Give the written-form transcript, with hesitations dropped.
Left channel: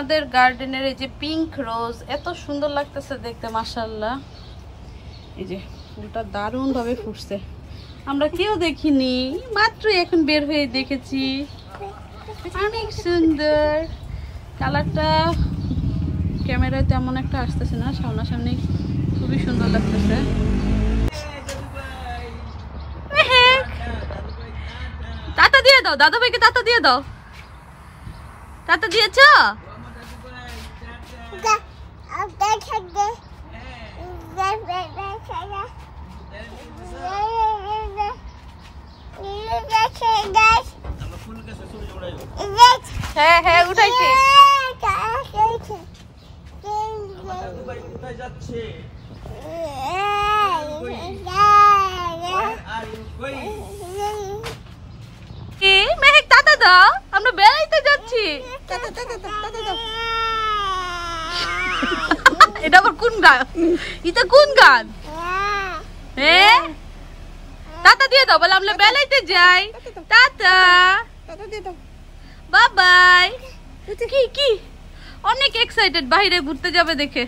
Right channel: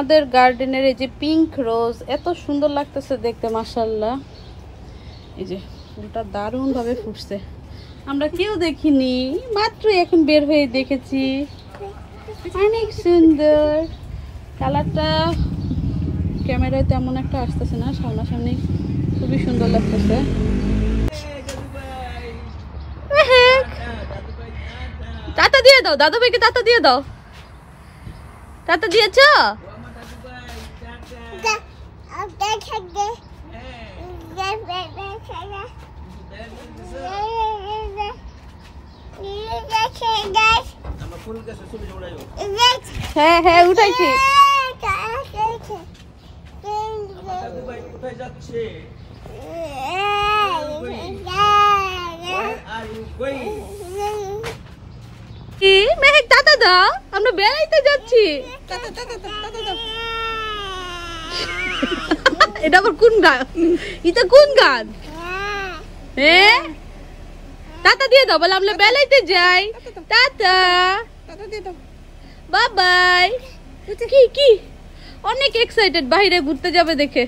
আমাদের গার্ডেনের এই যে পিঙ্ক রোজ এত সুন্দর লাগতেছে দেখতে, মাশাআল্লাহ। এই যে ফুলটা দারুণ ভাবে ফুটছে, আমরা কেউ দেখিনি, মাত্র এখন বের হয়ে দেখেছি। অনেক সুন্দর কালারটা, ক্যামেরায় তেমন একটা আসতেছে না, সামনাসামনি খুবই সুন্দর লাগতেছে। টাটা দিয়ে দাও দাদু ভাইকে, টাটা দিয়ে দাও। টাটা দিয়েছ? হ্যাঁ হ্যাঁ উঠাইছি। কি মেহেক, টাটা দাও, আমরা বেড়াইতে যাচ্ছি। এটা আবার কোন গান? এটা কোন গান? হ্যাঁ টাটা দিয়ে দাও, বলে আমরা বেড়াইতে যাই। Tata, bye bye. কি কি অনেক এক্সাইটেড বাইরে ঘুরতে যাবে দেখে।